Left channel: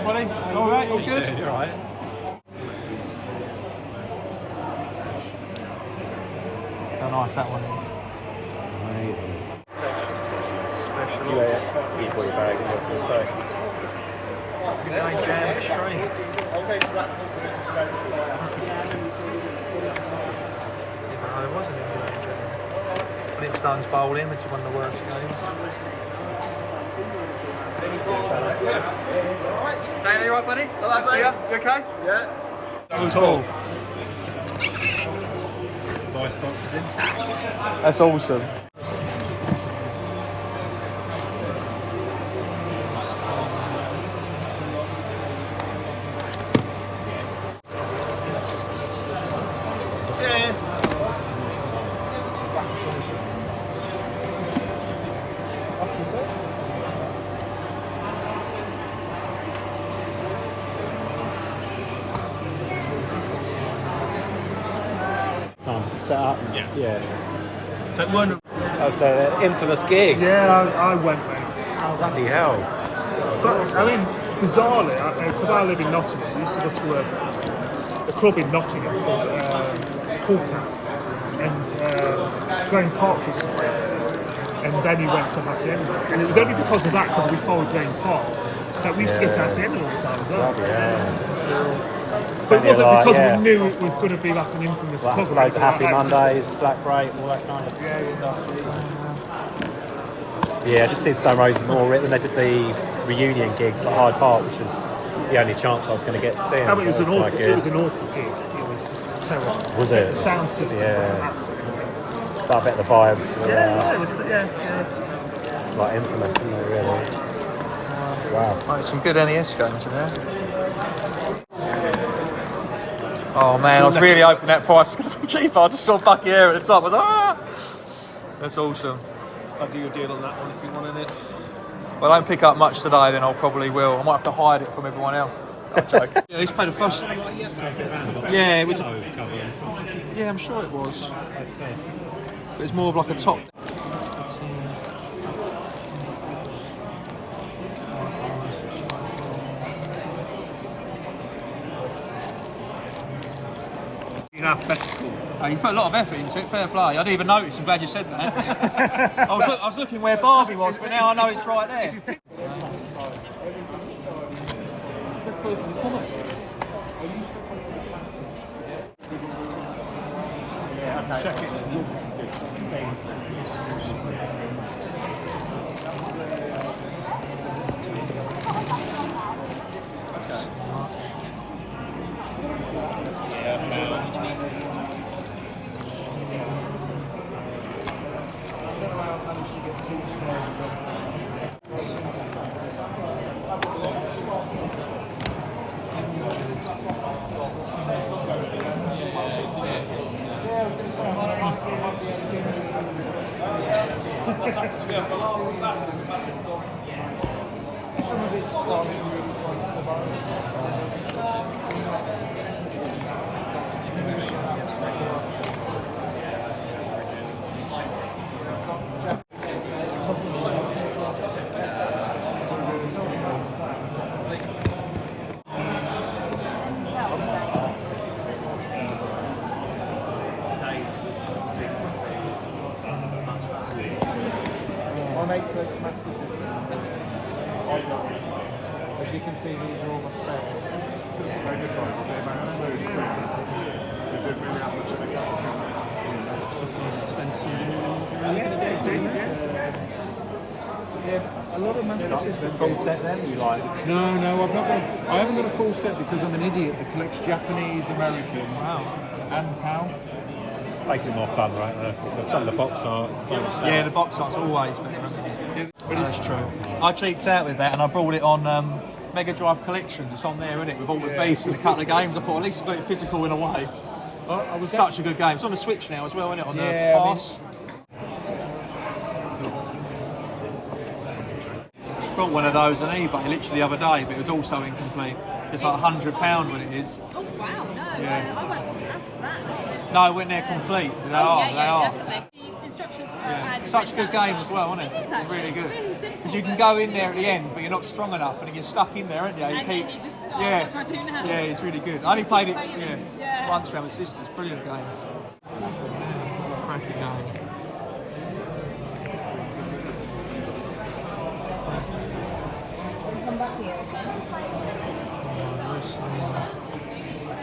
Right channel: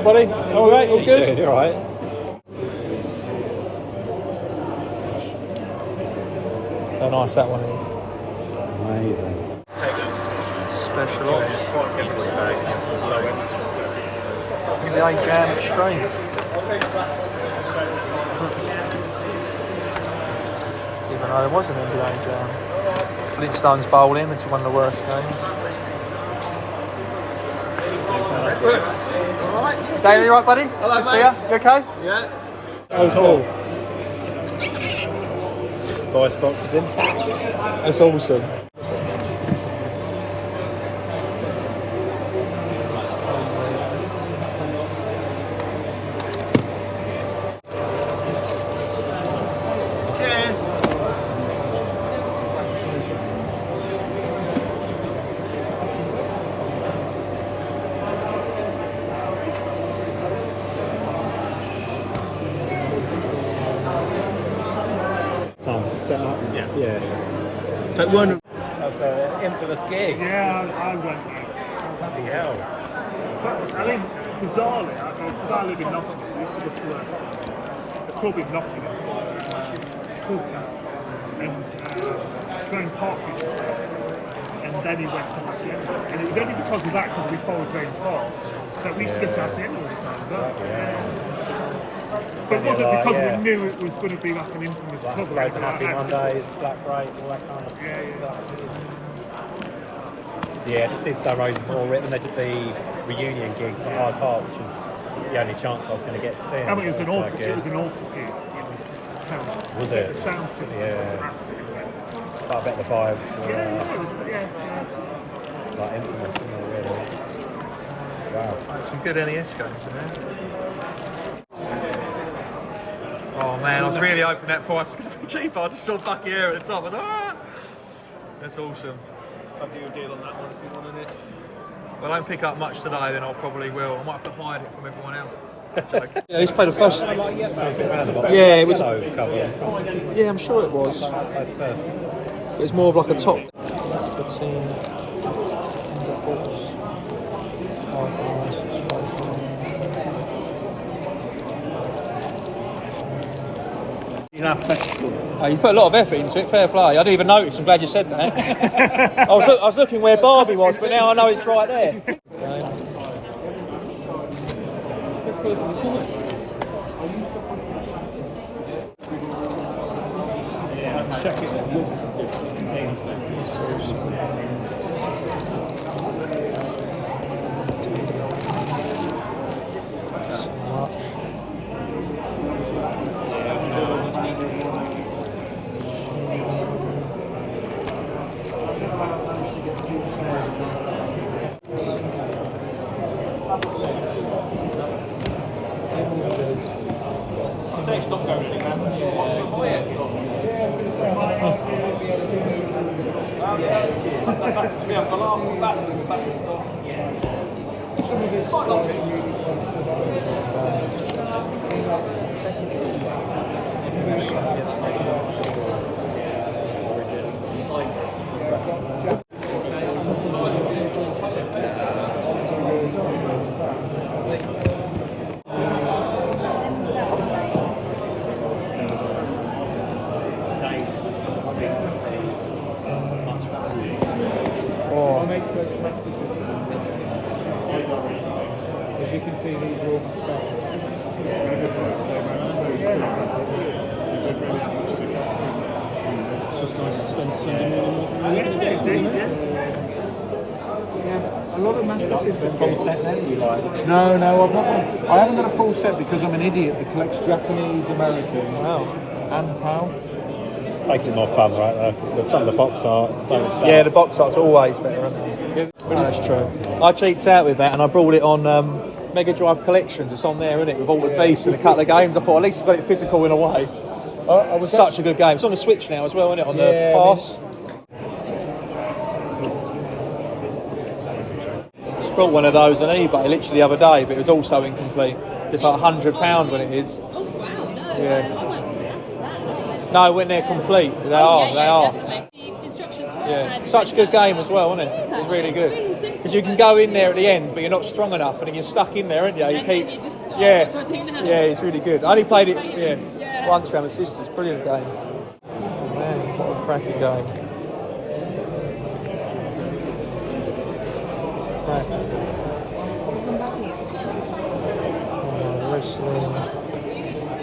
Alright, buddy? Alright, all good? Yeah, you're alright. How nice that one is. Amazing. Special ops. NBA Jam Extreme. Even though there was an NBA Jam. Flintstones bowling, which is one of the worst games. Dave, you alright, buddy? Hello, Good to see mate. ya. You okay? Yeah. Oh, cool. Voice box is intact. That's awesome. Time to set up. Yeah. So it weren't. Oh, so that infamous gig. Yeah, I went there. Bloody hell. But, I mean, bizarrely, because I live in Nottingham, we used to go to a club in Nottingham called Cool Cats, and Graham Park used to play there, and then he went to Hacienda. And it was only because of that, because we followed Graham Park, that we used to go to Hacienda all the time as well. But it wasn't because we knew it was going to be like an infamous club or anything like Happy that. Mondays, Black Break, all that kind of stuff. Yeah, I did see Stone Roses more when they did the reunion gigs at Hyde Park, which was the only chance I was going to get to see them. I mean, it was an awful gig. It was terrible. Was it? The sound system Yeah. was absolutely horrendous. But I bet the vibes were Yeah, it was, yeah. like infamous, isn't it, really? Wow. Right, some good NES games in there. Oh man, I was really hoping that price was going to be cheaper. I just saw Bucky Air at the top. I was like, ah! That's awesome. I'll do a deal on that one if you wanted it. Well, I don't pick up much today, then I probably will. I might have to hide it from everyone else. I'm joking. Yeah, he's played the first. Yeah, it was. Yeah, I'm sure it was. But it's more of like a top. You put a lot of effort into it, fair play. I didn't even notice, I'm glad you said that. I was looking where Barbie was, but now I know it's right there. Check it. As you can see, these are all my specs. It's just nice to spend Sunday morning. Yeah, a lot of Master System. Full set then, you like? No, I've not got. I haven't got a full set because I'm an idiot that collects Japanese, American, and PAL. Makes it more fun, right? Some of the box art is so much better. Yeah, the box art's always better, isn't it? That's true. I cheaped out with that and I brought it on Mega Drive Collections. It's on there, isn't it? With all the beasts and a couple of games. I thought at least it's got it physical in a way. It's such a good game. It's on the Switch now as well, isn't it? On the Pass. I bought one of those on eBay literally the other day, but it was also incomplete. It's like £100 when it is. Oh wow, no, Yeah. I won't that's that. No, when they're complete, they are. Definitely. The instructions Yeah, such a good game as well, isn't it? It's really good. It's really simple. Because you can go in there at the end, but you're not strong enough, and if you're stuck in there, aren't you? You And keep. then you just, Yeah, what do I do now? yeah, it's really good. I only played it Yeah. once with my sisters. Brilliant game. Man, what a cracking game. Come back here. Wrestling.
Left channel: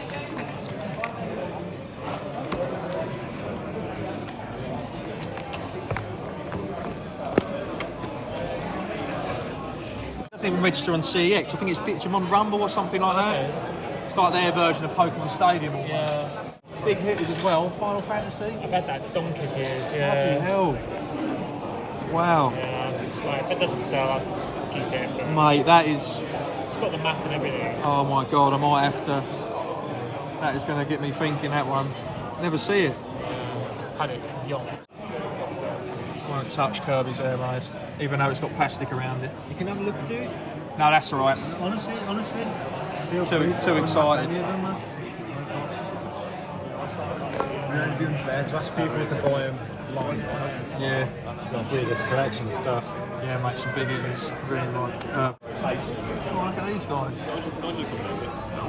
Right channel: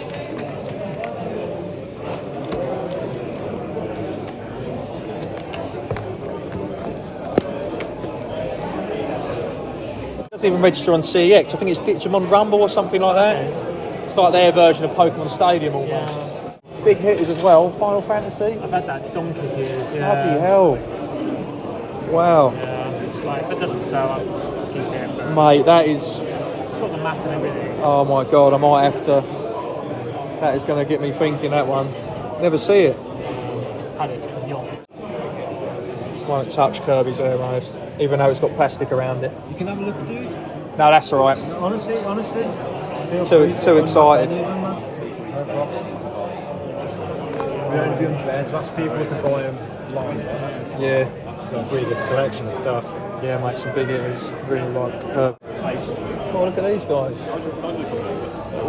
It doesn't even register on CEX. I think it's Digimon Rumble or something like that. It's like their version of Pokemon Stadium almost. Big hitters as well. Final Fantasy. I've had that donkey's years, Bloody hell. Wow. It's like, if it doesn't sell, keep it. But Mate, that is... it's got the map and everything. Oh my god, I might have to... That is going to get me thinking, that one. Never see it. Had it beyond. Won't touch Kirby's Air Raid, even though it's got plastic around it. You can have a look, dude. No, that's all right. Honestly. Too excited. It would only be unfair to ask people to buy them live. Yeah, Got a pretty good selection of stuff. yeah, mate, some big hitters. Really like Kirby. Oh, look at these guys.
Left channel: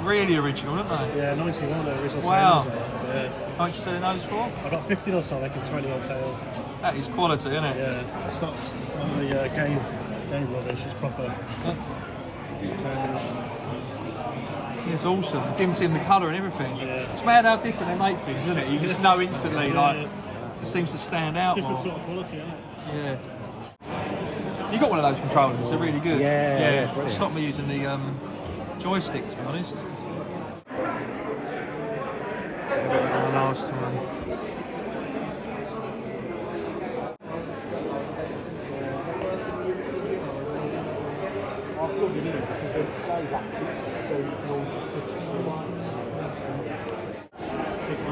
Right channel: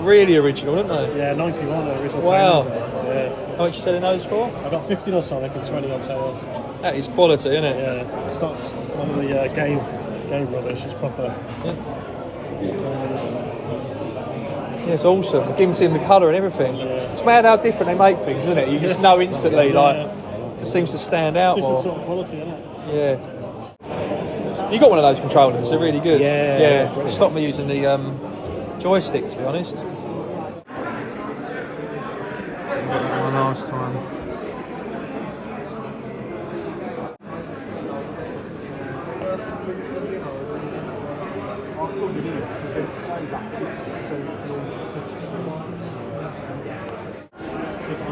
Really original, aren't they? Yeah, 91 the original Wow. tails. Yeah. How much you selling those for? I got 15 or so, like 20 on tails. That is quality, isn't it? Yeah, it's not one of the game rubbish, it's proper. Yeah, it's awesome. You can see the colour and everything. Yeah. It's mad how different they make things, isn't it? You just know instantly, like, it just seems to stand out Different more. sort of quality, isn't it? Yeah. You got one of those controllers, they're really good. Yeah, brilliant. Stop me using the joystick, to be honest. I got that one last time.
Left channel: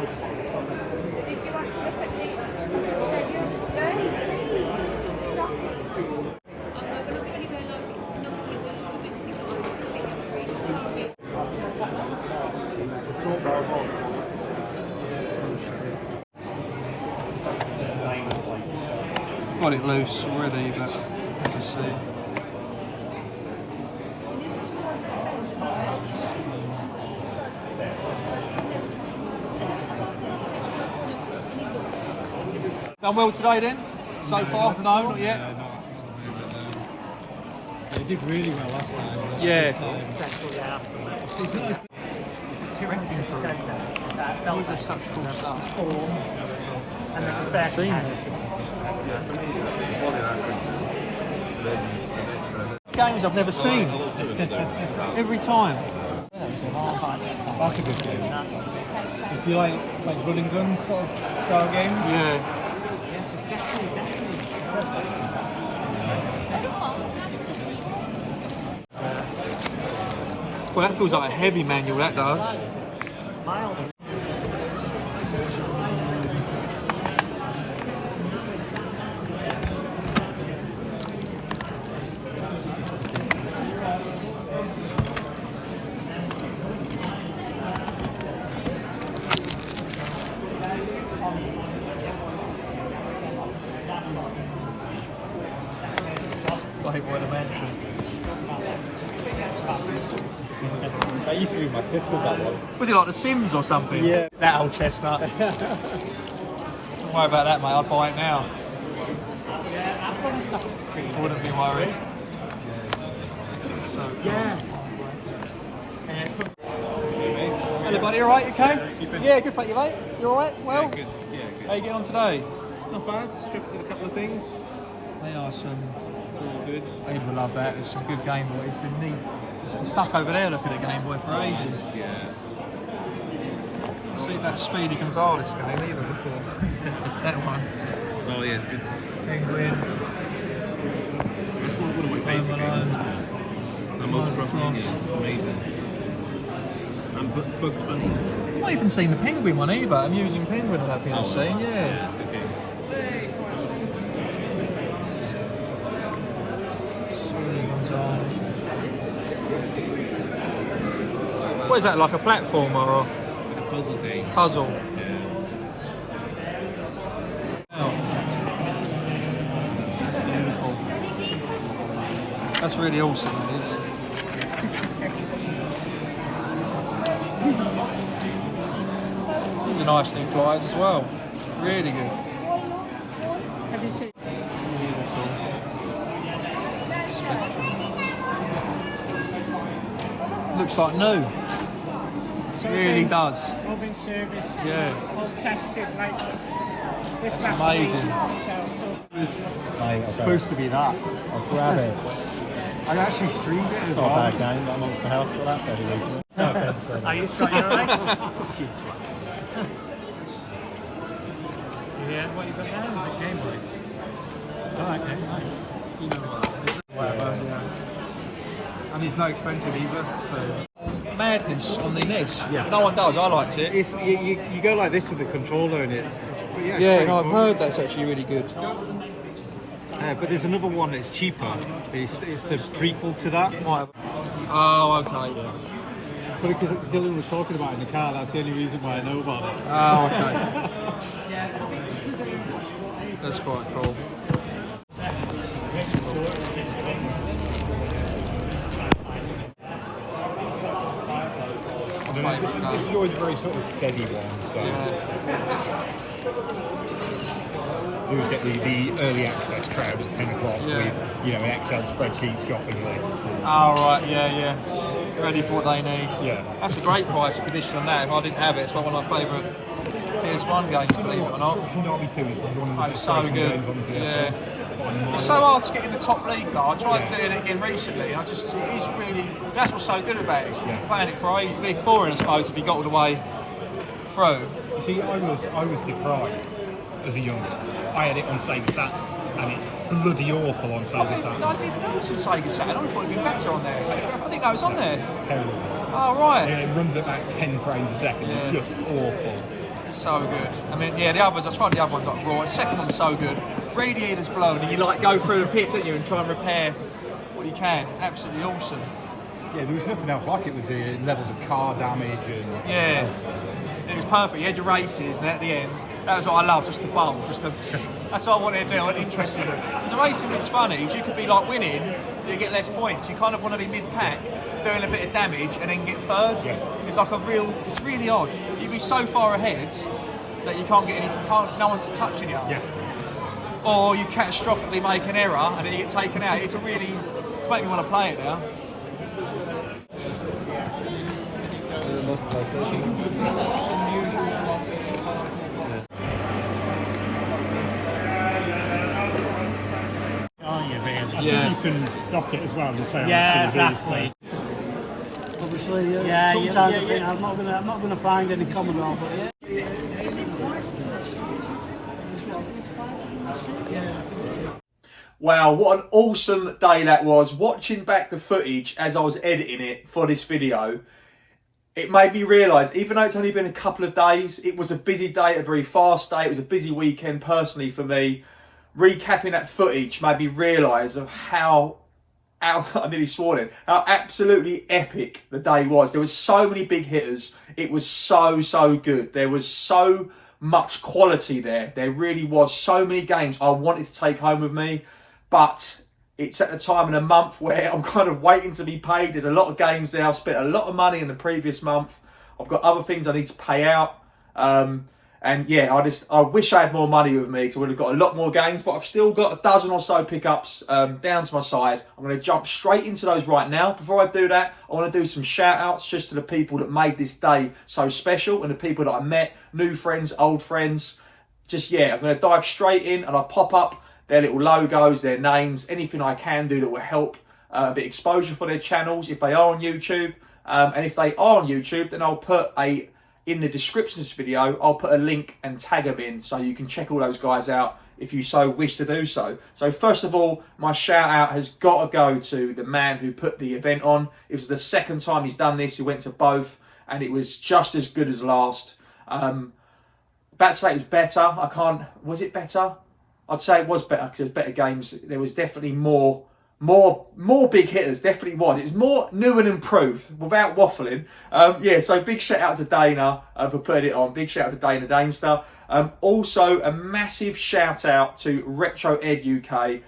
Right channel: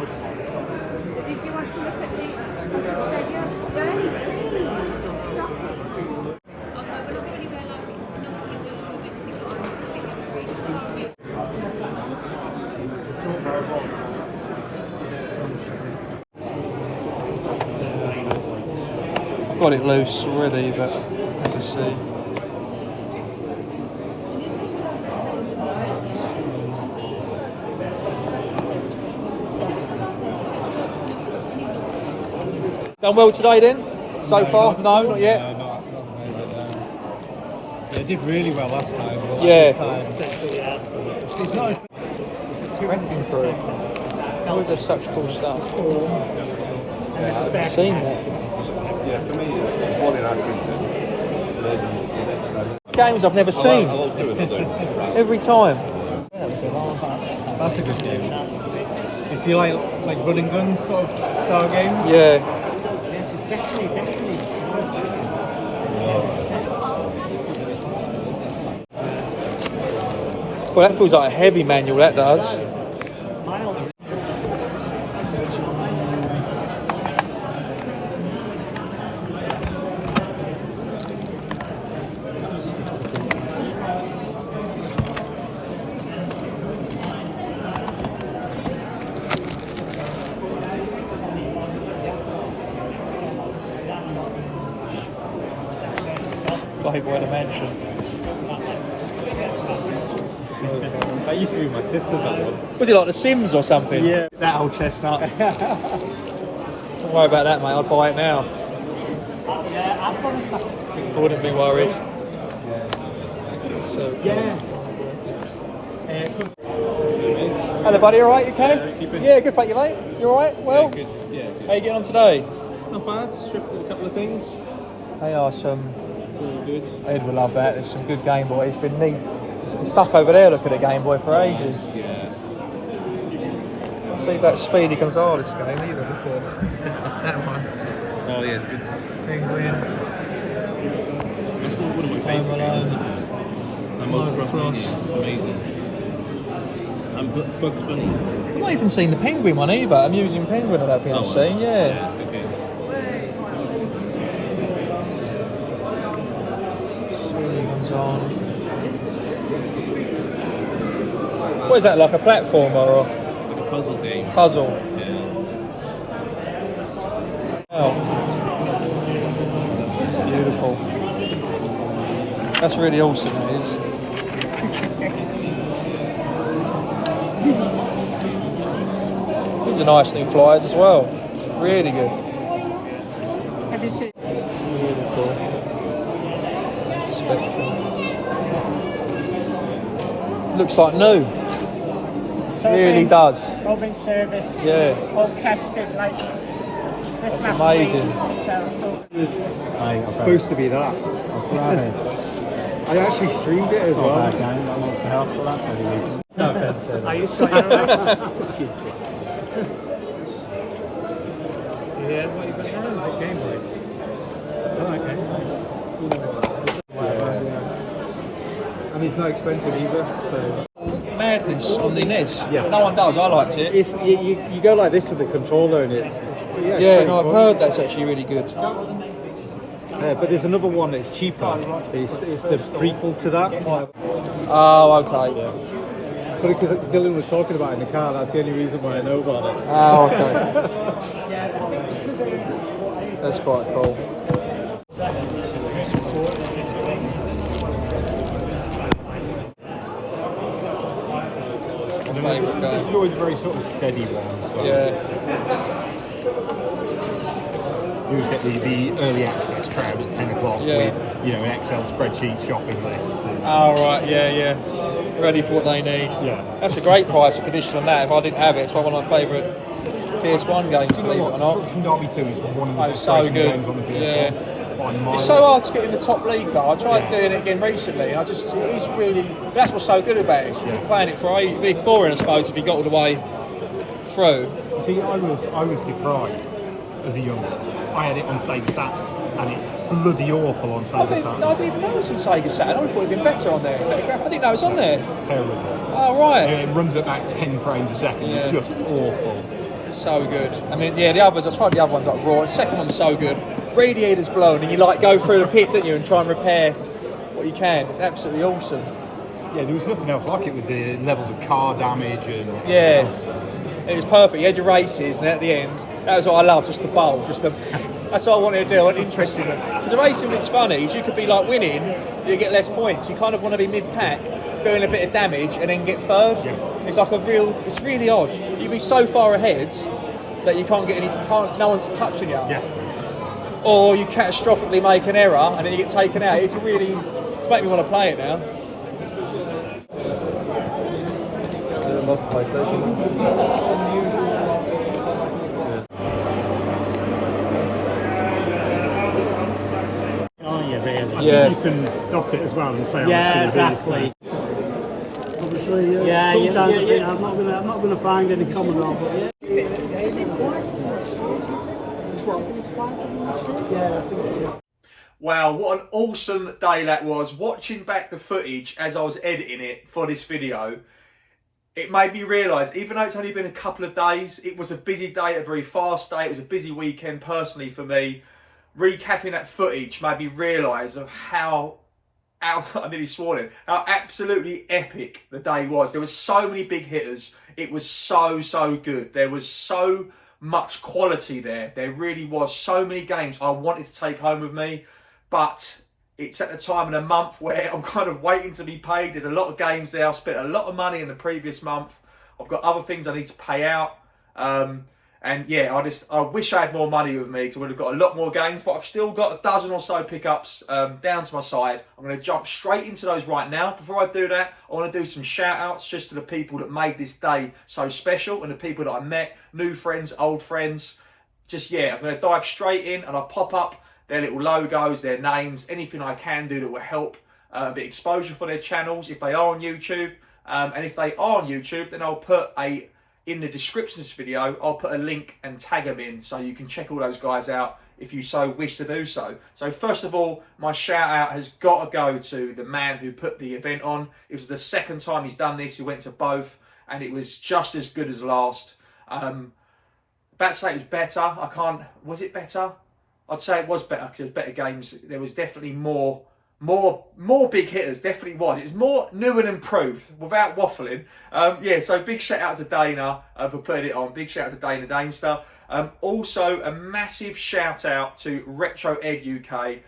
Did you want to look at the Bernie, please? Stop it. Got it loose already, but we'll see. Done well today then? So far? No, not yet. Not at the moment. They did really well last time. but Yeah. this time- It's not as Renting for it. How is there such cool stuff? I've seen that. Games I've never seen. Every time. That's a good game. If you like run and gun sort of style games. Yeah. Well, that feels like a heavy manual, that does. Playboy Dimension. That used to be my sister's, that one. Was it like The Sims or something? Yeah. That old chestnut. Don't worry about that, mate. I'd buy it now. I wouldn't be worried. So, hello, buddy. All right? You okay? Yeah, good. Thank you, mate. You all right? Well, Good. Yeah, good. how you getting on today? Not bad. Shifted a couple of things. They are some. Really good. Ed will love that. There's some good Game Boy. It's been neat. It's been stuck over there looking at Game Boy for ages. Yeah. See that Speedy Gonzales game either before. That one. Oh yeah, it's good. Penguin. It's one of my favourite games. And Motocross Mania is amazing. And Bugs Bunny. I've not even seen the Penguin one either. Amusing Penguin, I don't think I've seen. Yeah. Good game. What is that, like a platformer or Like a puzzle game. puzzle? Yeah. Oh. It's beautiful. That's really awesome, that is. These are nice new flyers as well. Really good. Have you seen? Beautiful. Spectrum. Looks like new. Really does. All been serviced. Yeah. All tested like this. That's amazing. It's supposed to be that. I actually streamed it as well. I used to your eyes. Yeah, what you got now? Is it Game Boy? Oh, okay, nice. And it's not expensive either, so... Madness on the NES. Yeah. No one does. I liked it. It's, you go like this with the controller and it's Yeah, no, I've heard that's actually really good. but there's another one that's cheaper. It's the prequel to that. Oh, okay. But because Dylan was talking about it in the car, that's the only reason why I know about it. Oh, okay. That's quite cool. This is always a very sort of steady one. So. Yeah. We always get the early access crowd at 10 o'clock Yeah. with, an Excel spreadsheet shopping list. Oh, right, yeah. Ready for what they need. Yeah. That's a great price for condition on that. If I didn't have it, it's one of my favourite PS1 games, believe it or not. Derby 2 is one of the Oh, best so racing good. games on the PS1. Yeah. It's so hard to get in the top league though. I tried doing it again recently and it is really, that's what's so good about it. You keep playing it for ages. Really boring I suppose if you got all the way through. See, I was deprived as a young. I had it on Sega Saturn, and it's bloody awful on Sega Saturn. I didn't know it was on Sega Saturn. I thought it'd been better on there. I didn't know it was on there. Terrible. Oh right. It runs at about 10 frames a second. It's just awful. So good. I mean, yeah, the others. I tried the other ones like Raw. The second one's so good. Radiator's blown, and you like go through the pit, don't you, and try and repair what you can. It's absolutely awesome. Yeah, there was nothing else like it with the levels of car damage and. Yeah. It was perfect. You had your races, and at the end, that was what I loved, just the bowl, that's what I wanted to do, and interesting. Because the racing bit's funny, is you could be like winning, you get less points. You kind of want to be mid-pack, doing a bit of damage, and then get third. Yeah. It's like it's really odd. You'd be so far ahead that you can't get no one's touching you. Yeah. Or you catastrophically make an error, and then you get taken out. It's making me want to play it now. Yeah. You can dock it as well and play on Yeah, the TV. exactly. Obviously, Yeah, sometimes yeah. I'm not going to find any common ground. But yeah. Wow, what an awesome day that was. Watching back the footage as I was editing it for this video, it made me realise, even though it's only been a couple of days, it was a busy day, a very fast day. It was a busy weekend personally for me. Recapping that footage made me realise of how I nearly swore then, how absolutely epic the day was. There was so many big hitters. It was so good. There was so much quality there. There really was so many games I wanted to take home with me, but it's at the time in the month where I'm kind of waiting to be paid. There's a lot of games there. I've spent a lot of money in the previous month. I've got other things I need to pay out. And yeah, I wish I had more money with me because I would have got a lot more games, but I've still got a dozen or so pickups down to my side. I'm going to jump straight into those right now. Before I do that, I want to do some shout outs just to the people that made this day so special and the people that I met, new friends, old friends. Just, yeah, I'm going to dive straight in and I'll pop up their little logos, their names, anything I can do that will help a bit of exposure for their channels if they are on YouTube. And if they are on YouTube, then I'll put in the description of this video, I'll put a link and tag them in so you can check all those guys out if you so wish to do so. So first of all, my shout out has got to go to the man who put the event on. It was the second time he's done this. He went to both and it was just as good as last. About to say it was better. Was it better? I'd say it was better because there was better games. There was definitely more big hitters, definitely was. It's more new and improved, without waffling. Yeah, so big shout out to Dana for putting it on. Big shout out to Dana Danester. Also, a massive shout out to Retro Ed UK.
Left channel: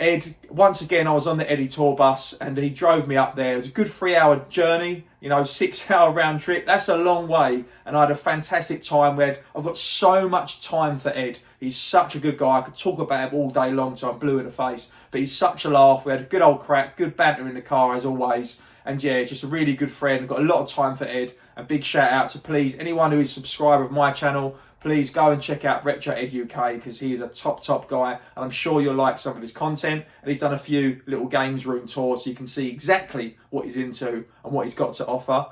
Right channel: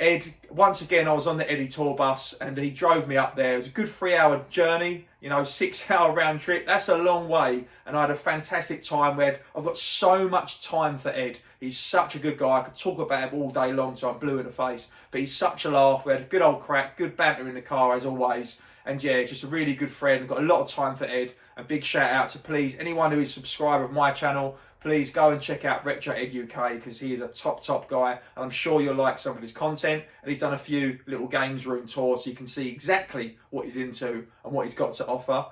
Ed, once again, I was on the Eddie tour bus and he drove me up there. It was a good 3-hour journey, you know, 6-hour round trip. That's a long way. And I had a fantastic time with Ed. I've got so much time for Ed. He's such a good guy. I could talk about him all day long so I'm blue in the face. But he's such a laugh. We had a good old crack, good banter in the car as always. And yeah, just a really good friend. Got a lot of time for Ed. And big shout out to please anyone who is a subscriber of my channel. Please go and check out Retro Ed UK because he is a top guy. And I'm sure you'll like some of his content. And he's done a few little games room tours so you can see exactly what he's into and what he's got to offer.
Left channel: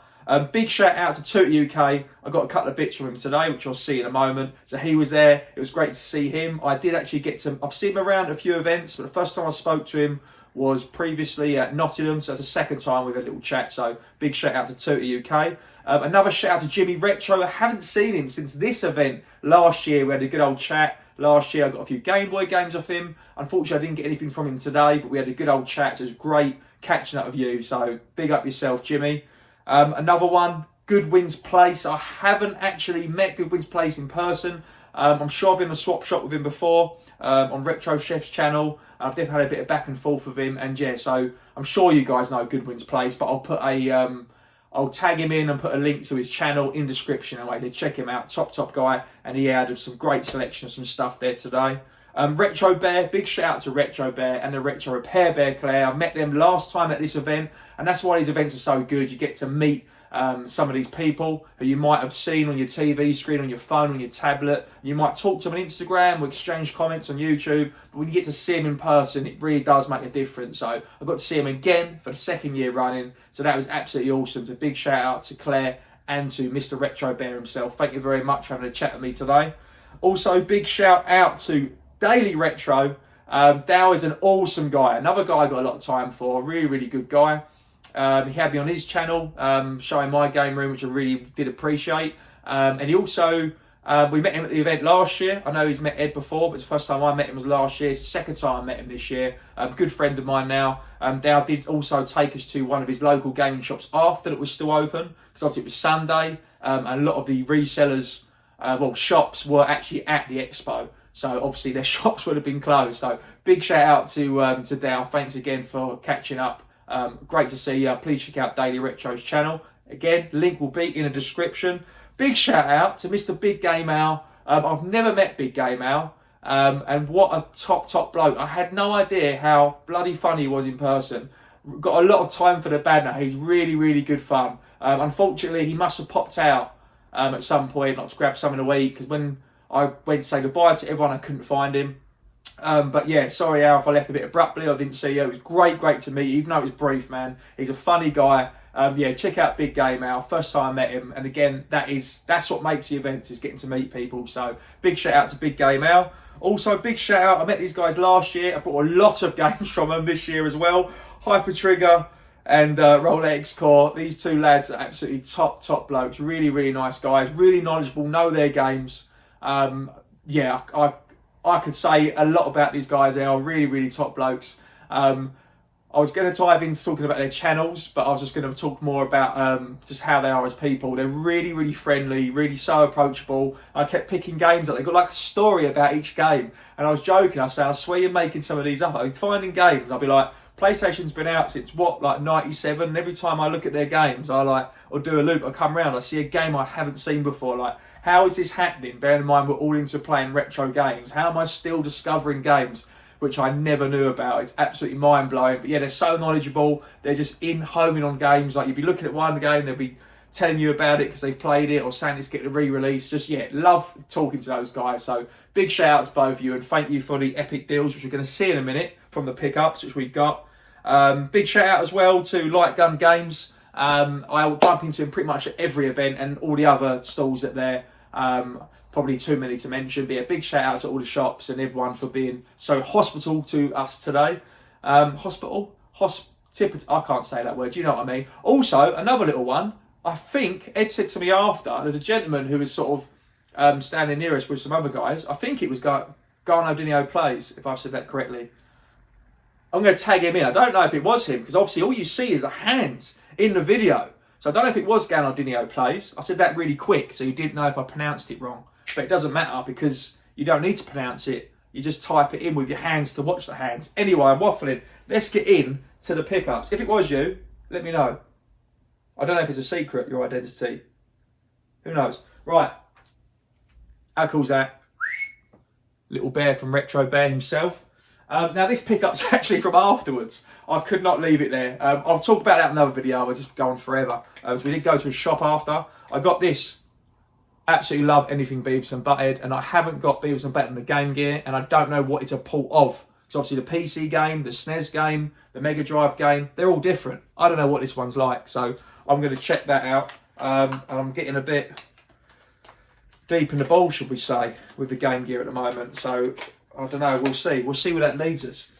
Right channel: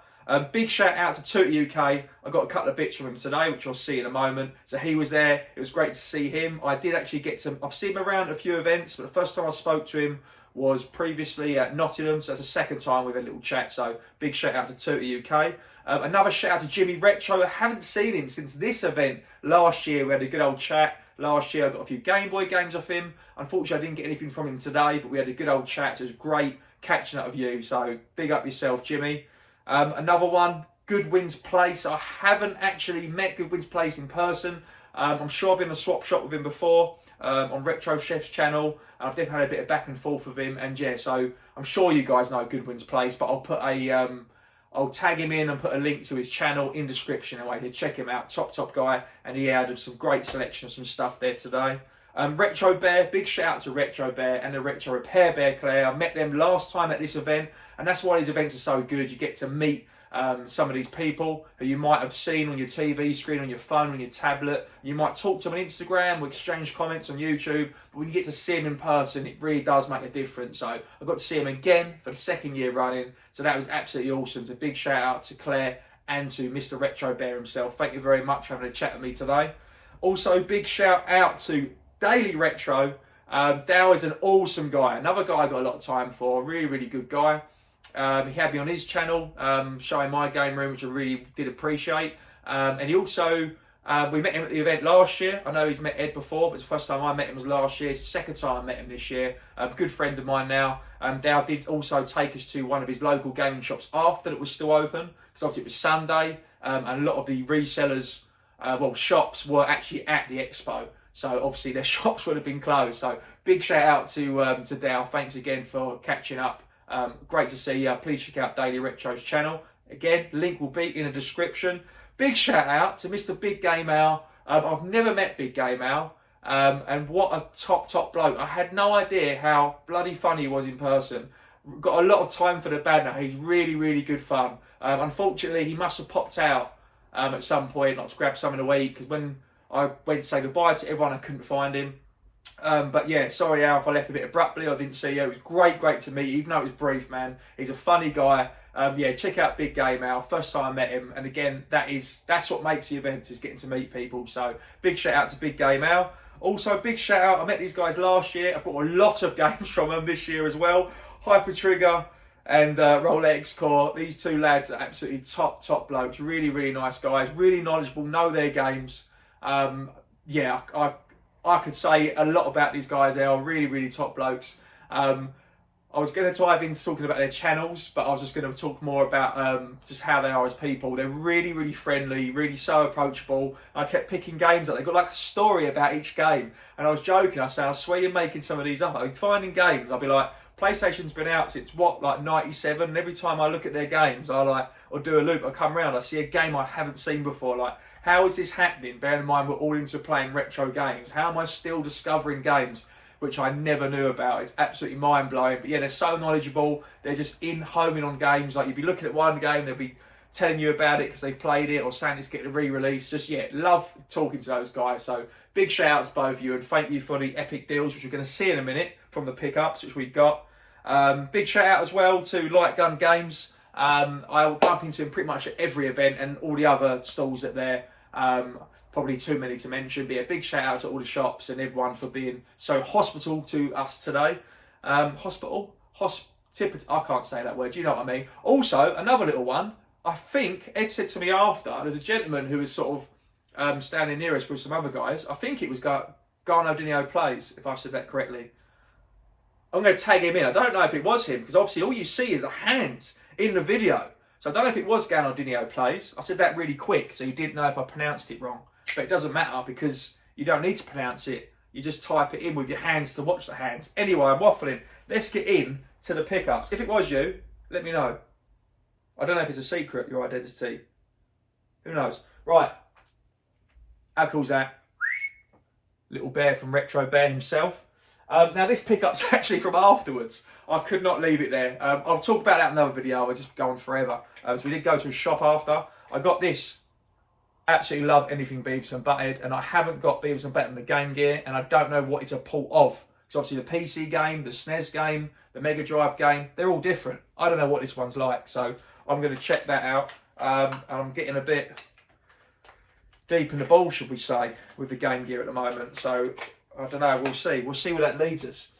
Big shout out to Tootie UK. I got a couple of bits from him today, which you'll see in a moment. So he was there. It was great to see him. I did actually I've seen him around a few events, but the first time I spoke to him was previously at Nottingham, so that's the second time we've had a little chat, so big shout out to Tootie UK. Another shout out to Jimmy Retro. I haven't seen him since this event last year. We had a good old chat. Last year I got a few Game Boy games off him. Unfortunately I didn't get anything from him today, but we had a good old chat. So it was great catching up with you, so big up yourself, Jimmy. Another one, Goodwin's Place. I haven't actually met Goodwin's Place in person. I'm sure I've been in a swap shop with him before on Retro Chef's channel. I've definitely had a bit of back and forth with him, and yeah, so I'm sure you guys know Goodwin's Place, but I'll put I'll tag him in and put a link to his channel in description anyway, to check him out. Top guy, and he added some great selection of some stuff there today. Retro Bear, big shout out to Retro Bear and the Retro Repair Bear Claire. I met them last time at this event, and that's why these events are so good. You get to meet some of these people who you might have seen on your TV screen, on your phone, on your tablet. You might talk to them on Instagram or exchange comments on YouTube, but when you get to see them in person, it really does make a difference. So I got to see them again for the second year running, so that was absolutely awesome. So big shout out to Claire and to Mr. Retro Bear himself. Thank you very much for having a chat with me today. Also, big shout out to Daily Retro. Dow is an awesome guy. Another guy I got a lot of time for. Really good guy. He had me on his channel showing my game room, which I really did appreciate. And he also, we met him at the event last year. I know he's met Ed before, but it's the first time I met him was last year. It's the second time I met him this year. Good friend of mine now. Dow did also take us to one of his local gaming shops after it was still open, because obviously it was Sunday, and a lot of the resellers, shops were actually at the expo. So obviously their shops would have been closed. So big shout out to Dow. Thanks again for catching up. Great to see you. Please check out Daily Retro's channel. Again, link will be in the description. Big shout out to Mr. Big Game Al. I've never met Big Game Al. And what a top bloke. I had no idea how bloody funny he was in person. Got a lot of time for the banter. He's really good fun. Unfortunately, he must have popped out at some point, not to grab something to eat, because when I went to say goodbye to everyone, I couldn't find him. But yeah, sorry Al if I left a bit abruptly. I didn't see you. It was great to meet you, even though it was brief, man. He's a funny guy. Yeah, check out Big Game Al. First time I met him, and again, that's what makes the event, is getting to meet people. So big shout out to Big Game Al. Also, big shout out. I met these guys last year. I bought a lot of games from them this year as well. Hyper Trigger and Rolex Core. These two lads are absolutely top blokes. Really nice guys. Really knowledgeable. Know their games. Yeah, I could say a lot about these guys. They are really top blokes. I was going to dive into talking about their channels, but I was just going to talk more about just how they are as people. They're really friendly, really so approachable. I kept picking games up. They've got like a story about each game. And I was joking. I said, I swear you're making some of these up. I'm finding games. I'll be like, PlayStation's been out since what, like 97, and every time I look at their games, or do a loop, I come round, I see a game I haven't seen before. Like, how is this happening? Bearing in mind we're all into playing retro games. How am I still discovering games which I never knew about? It's absolutely mind blowing. But yeah, they're so knowledgeable. They're just homing on games. Like, you'd be looking at one game, they'll be telling you about it because they've played it, or saying it's getting a re-release. Just yeah, love talking to those guys. So big shout out to both of you, and thank you for the epic deals, which we're going to see in a minute from the pickups which we've got. Big shout out as well to Light Gun Games. I bump into him pretty much at every event, and all the other stalls that they're probably too many to mention. But yeah, big shout out to all the shops and everyone for being so hospitable to us today. I can't say that word, you know what I mean. Also, another little one, I think Ed said to me after, there's a gentleman who was sort of standing near us with some other guys. I think it was Garno Dinio Plays, if I've said that correctly. I'm going to tag him in. I don't know if it was him, because obviously all you see is the hands in the video. So I don't know if it was Ganardinho Plays. I said that really quick, so you didn't know if I pronounced it wrong. But it doesn't matter, because you don't need to pronounce it. You just type it in with your hands to watch the hands. Anyway, I'm waffling. Let's get in to the pickups. If it was you, let me know. I don't know if it's a secret, your identity. Who knows? Right. How cool's that? Little bear from Retro Bear himself. Now this pickup's actually from afterwards. I could not leave it there. I'll talk about that in another video. I'll just go on forever. So we did go to a shop after. I got this. Absolutely love anything Beavis and Butthead, and I haven't got Beavis and Butthead in the Game Gear, and I don't know what it's a port of. Because obviously the PC game, the SNES game, the Mega Drive game, they're all different. I don't know what this one's like, so I'm going to check that out. And I'm getting a bit deep in the ball, should we say, with the Game Gear at the moment. So I don't know, we'll see. We'll see where that leads us.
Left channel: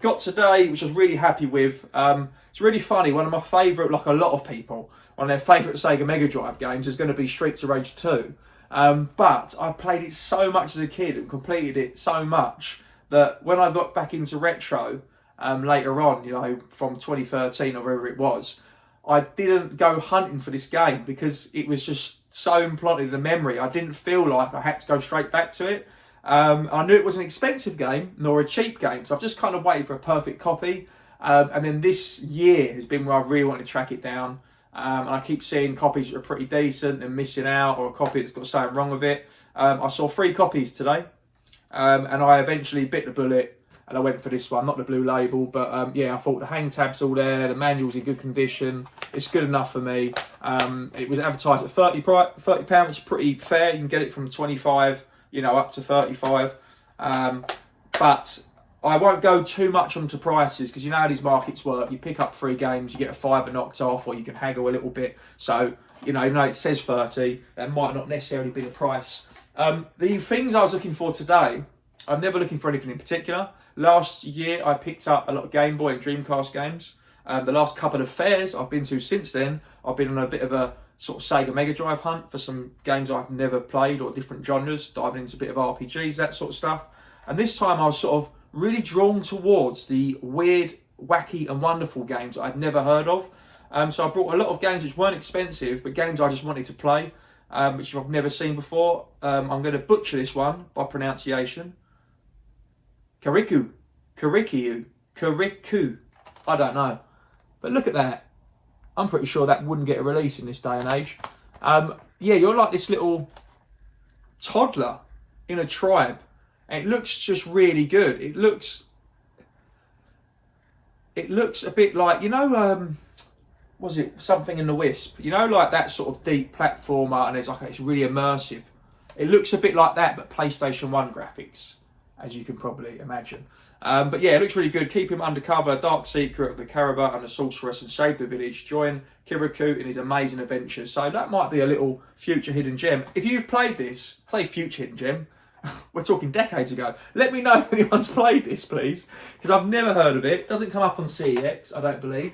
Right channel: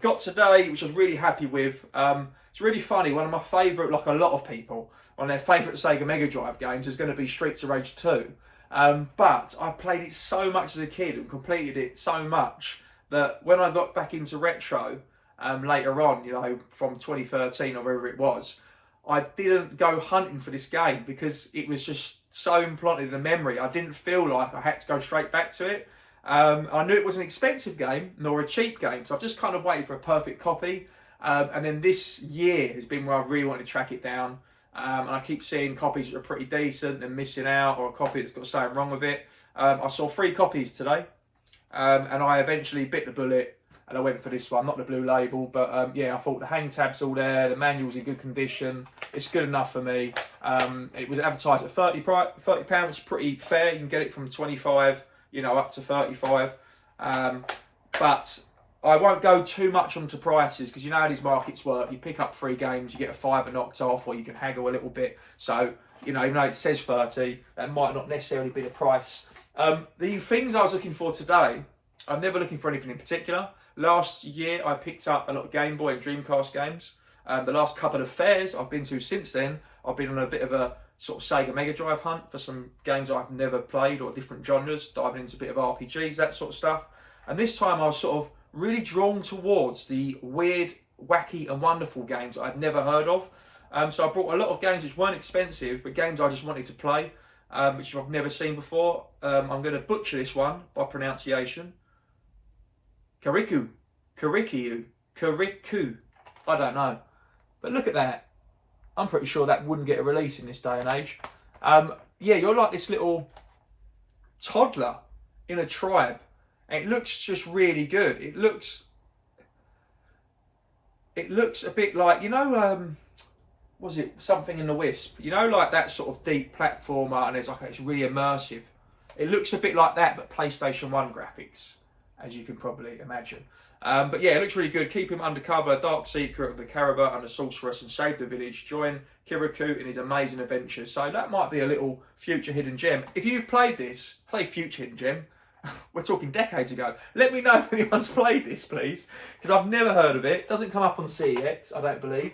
Got today, which I was really happy with. It's really funny. One of my favourite, like a lot of people, one of their favourite Sega Mega Drive games is going to be Streets of Rage 2. But I played it so much as a kid and completed it so much that when I got back into retro later on, you know, from 2013 or wherever it was, I didn't go hunting for this game because it was just so implanted in the memory. I didn't feel like I had to go straight back to it. I knew it was an expensive game, nor a cheap game, so I've just kind of waited for a perfect copy. And then this year has been where I've really wanted to track it down. And I keep seeing copies that are pretty decent and missing out, or a copy that's got something wrong with it. I saw 3 copies today, and I eventually bit the bullet and I went for this one, not the blue label, but yeah, I thought the hang tab's all there, the manual's in good condition, it's good enough for me. It was advertised at £30, which is pretty fair. You can get it from 25, you know, up to 35. But I won't go too much onto prices because you know how these markets work. You pick up 3 games, you get a fiver knocked off, or you can haggle a little bit. So, you know, even though it says 30, that might not necessarily be the price. The things I was looking for today, I'm never looking for anything in particular. Last year, I picked up a lot of Game Boy and Dreamcast games. The last couple of fairs I've been to since then, I've been on a bit of a sort of Sega Mega Drive hunt for some games I've never played or different genres, diving into a bit of RPGs, that sort of stuff. And this time I was sort of really drawn towards the weird, wacky and wonderful games I'd never heard of. So I brought a lot of games which weren't expensive, but games I just wanted to play, which I've never seen before. I'm going to butcher this one by pronunciation. Kariku. I don't know. But look at that. I'm pretty sure that wouldn't get a release in this day and age. Yeah, you're like this little toddler in a tribe. And it looks just really good. It looks a bit like, you know, was it Something in the Wisp? You know, like that sort of deep platformer, and there's like, it's really immersive. It looks a bit like that, but PlayStation 1 graphics, as you can probably imagine. But yeah, it looks really good. Keep him undercover, dark secret of the Caraba and the sorceress, and save the village. Join Kirikou in his amazing adventures. So that might be a little future hidden gem. If you've played this, play future hidden gem. We're talking decades ago. Let me know if anyone's played this, please, because I've never heard of it. It doesn't come up on CEX, I don't believe.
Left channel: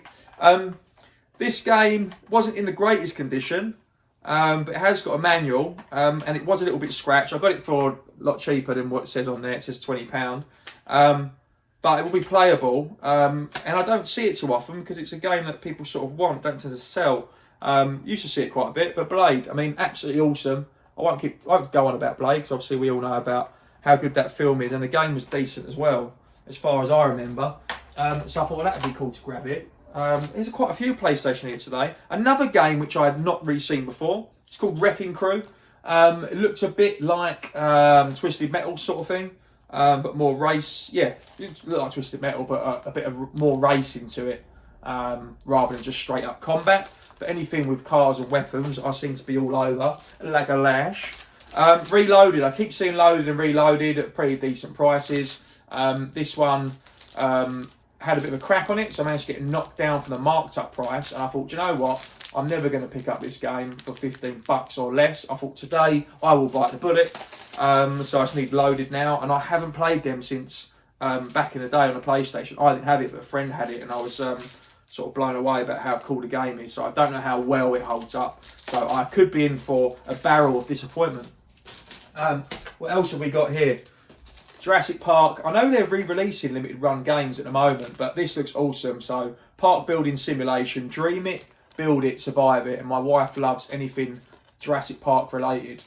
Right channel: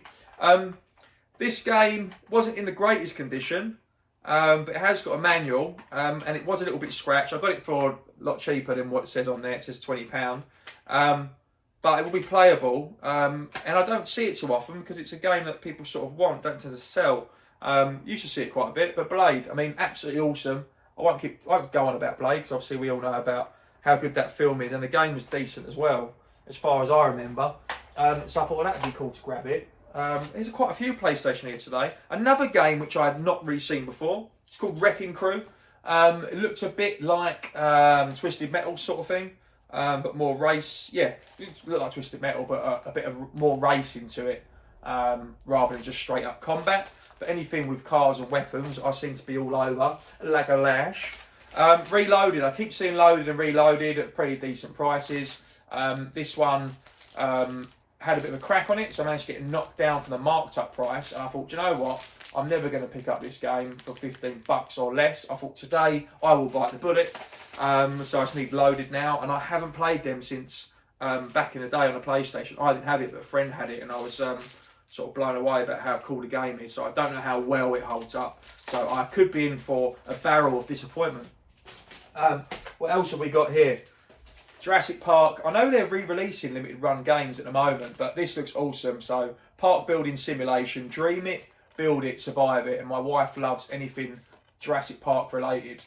This game wasn't in the greatest condition, but it has got a manual, and it was a little bit scratched. I got it for a lot cheaper than what it says on there. It says £20. But it will be playable, and I don't see it too often because it's a game that people sort of want, don't tend to sell. Used to see it quite a bit, but Blade, I mean, absolutely awesome. I won't go on about Blade because obviously we all know about how good that film is, and the game was decent as well, as far as I remember. So I thought, well, that'd be cool to grab it. There's quite a few PlayStation here today. Another game which I had not really seen before. It's called Wrecking Crew. It looks a bit like Twisted Metal sort of thing, but more race. Yeah, it looks like Twisted Metal, but a bit of more racing to it, rather than just straight up combat. But anything with cars and weapons, I seem to be all over like a lash. Reloaded. I keep seeing loaded and reloaded at pretty decent prices. This one had a bit of a crack on it, so I managed to get it knocked down from the marked up price. And I thought, do you know what? I'm never going to pick up this game for $15 or less. I thought today I will bite the bullet. So I just need loaded now, and I haven't played them since back in the day on the PlayStation. I didn't have it, but a friend had it, and I was sort of blown away about how cool the game is. So I don't know how well it holds up. So I could be in for a barrel of disappointment. What else have we got here? Jurassic Park. I know they're re-releasing limited run games at the moment, but this looks awesome. So park building simulation, dream it, build it, survive it. And my wife loves anything Jurassic Park related.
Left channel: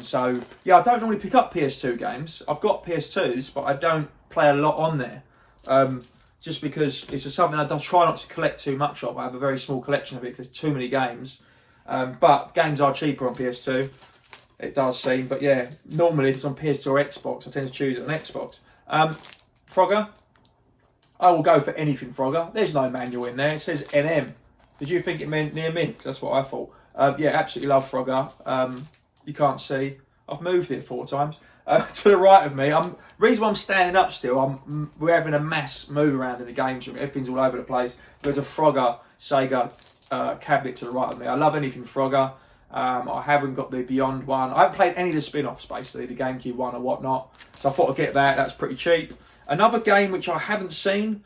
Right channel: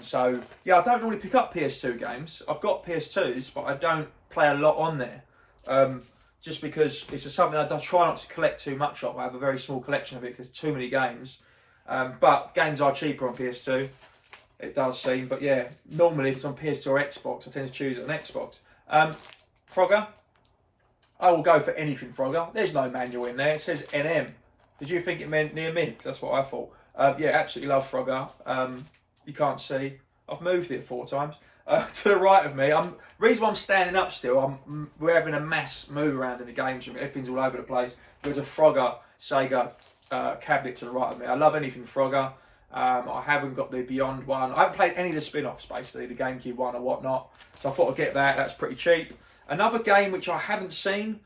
So yeah, I don't normally pick up PS2 games. I've got PS2s, but I don't play a lot on there. Just because it's just something I try not to collect too much of. I have a very small collection of it because there's too many games. But games are cheaper on PS2. It does seem, but yeah, normally if it's on PS2 or Xbox, I tend to choose it on Xbox. Frogger, I will go for anything, Frogger. There's no manual in there. It says NM. Did you think it meant near mint? That's what I thought. Yeah, absolutely love Frogger. You can't see. I've moved it 4 times. To the right of me, reason why I'm standing up still, we're having a mass move around in the games room. Everything's all over the place. There's a Frogger Sega cabinet to the right of me. I love anything Frogger. I haven't got the Beyond one. I haven't played any of the spin-offs, basically, the GameCube one or whatnot. So I thought I'd get that. That's pretty cheap. Another game which I haven't seen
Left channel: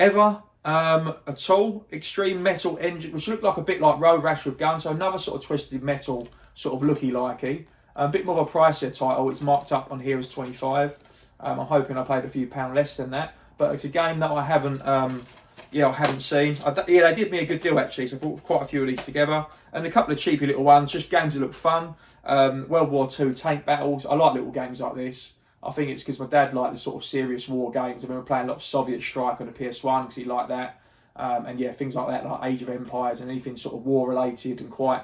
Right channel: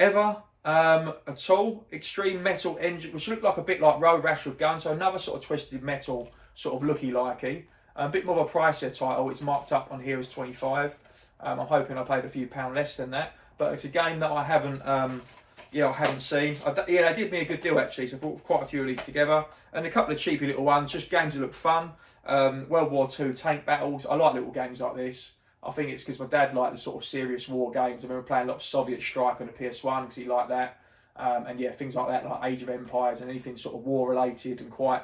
ever at all, Extreme Metal Engine, which looked like a bit like Road Rash with Guns. So another sort of twisted metal, sort of looky-likey. A bit more of a pricier title. It's marked up on here as 25. I'm hoping I paid a few pound less than that. But it's a game that I haven't seen. They did me a good deal actually, so I brought quite a few of these together. And a couple of cheapy little ones, just games that look fun. World War II tank battles. I like little games like this. I think it's because my dad liked the sort of serious war games. I remember playing a lot of Soviet Strike on the PS1 because he liked that. And yeah, things like that, like Age of Empires and anything sort of war related and quite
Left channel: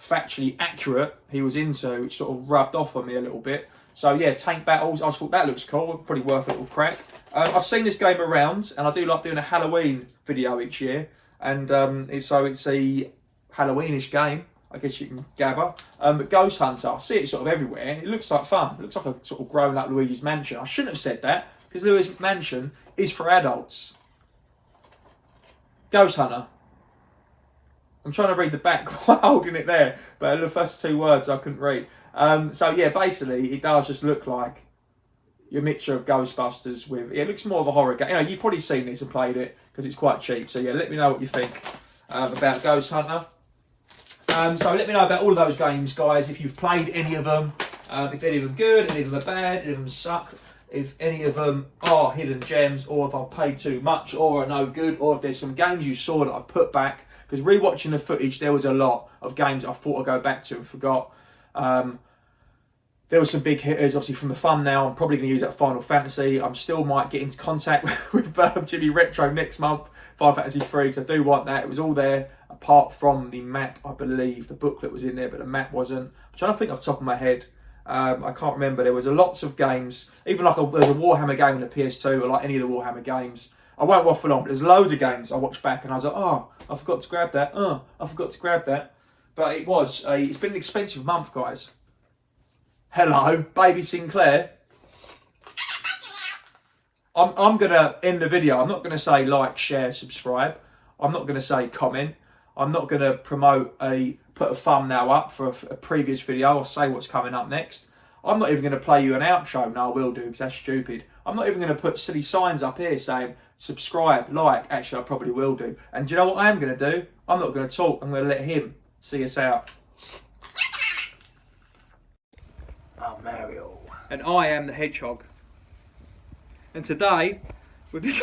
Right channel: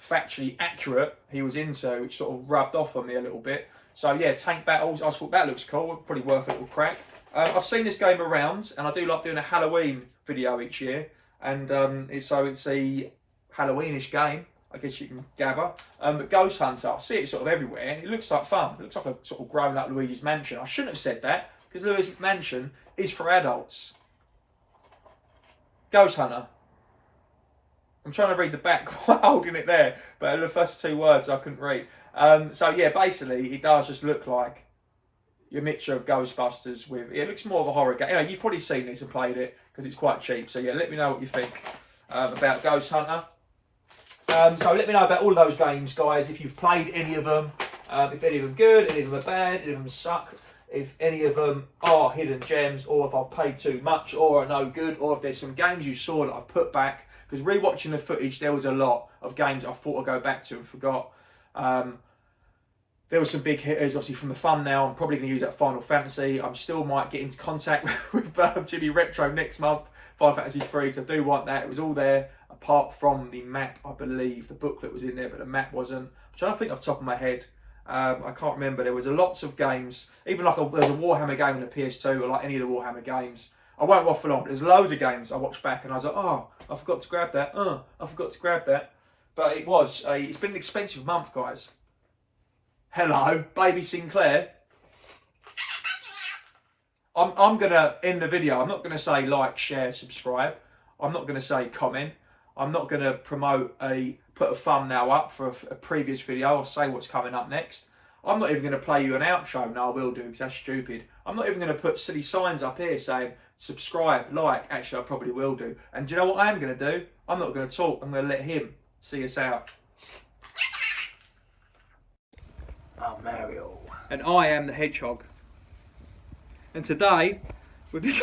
factually accurate he was into, which sort of rubbed off on me a little bit. So yeah, tank battles, I thought that looks cool, probably worth a little crack. I've seen this game around, and I do like doing a Halloween video each year, and it's a Halloweenish game, I guess you can gather. But Ghost Hunter, I see it sort of everywhere, and it looks like fun. It looks like a sort of grown-up Luigi's Mansion. I shouldn't have said that, because Luigi's Mansion is for adults. Ghost Hunter. I'm trying to read the back while holding it there, but the first 2 words I couldn't read. So yeah, basically it does just look like your mixture of Ghostbusters with... It looks more of a horror game. You know, you've probably seen this and played it because it's quite cheap. So yeah, let me know what you think about Ghost Hunter. So let me know about all of those games, guys. If you've played any of them, if any of them good, any of them are bad, any of them suck, if any of them are hidden gems, or if I've paid too much, or are no good, or if there's some games you saw that I've put back. Because rewatching the footage, there was a lot of games I thought I'd go back to and forgot. There were some big hitters, obviously, from the thumbnail. I'm probably going to use that Final Fantasy. I still might get into contact with Jimmy Retro next month, Final Fantasy 3, because I do want that. It was all there, apart from the map, I believe. The booklet was in there, but the map wasn't. I'm trying to think off the top of my head. I can't remember. There was lots of games, even like there's a Warhammer game on the PS2, or like any of the Warhammer games. I won't waffle on, but there's loads of games I watched back and I was like, oh, I forgot to grab that. I forgot to grab that. But it's been an expensive month, guys. Hello, baby Sinclair. I'm going to end the video. I'm not going to say like, share, subscribe. I'm not going to say comment. I'm not going to put a thumbnail up for a previous video or say what's coming up next. I'm not even going to play you an outro. No, I will do, because that's stupid. I'm not even going to put silly signs up here saying subscribe, like. Actually, I probably will do. And do you know what I am going to do? I'm not going to talk. I'm going to let him see us out. I'm Mario. And I am the Hedgehog. And today, with this...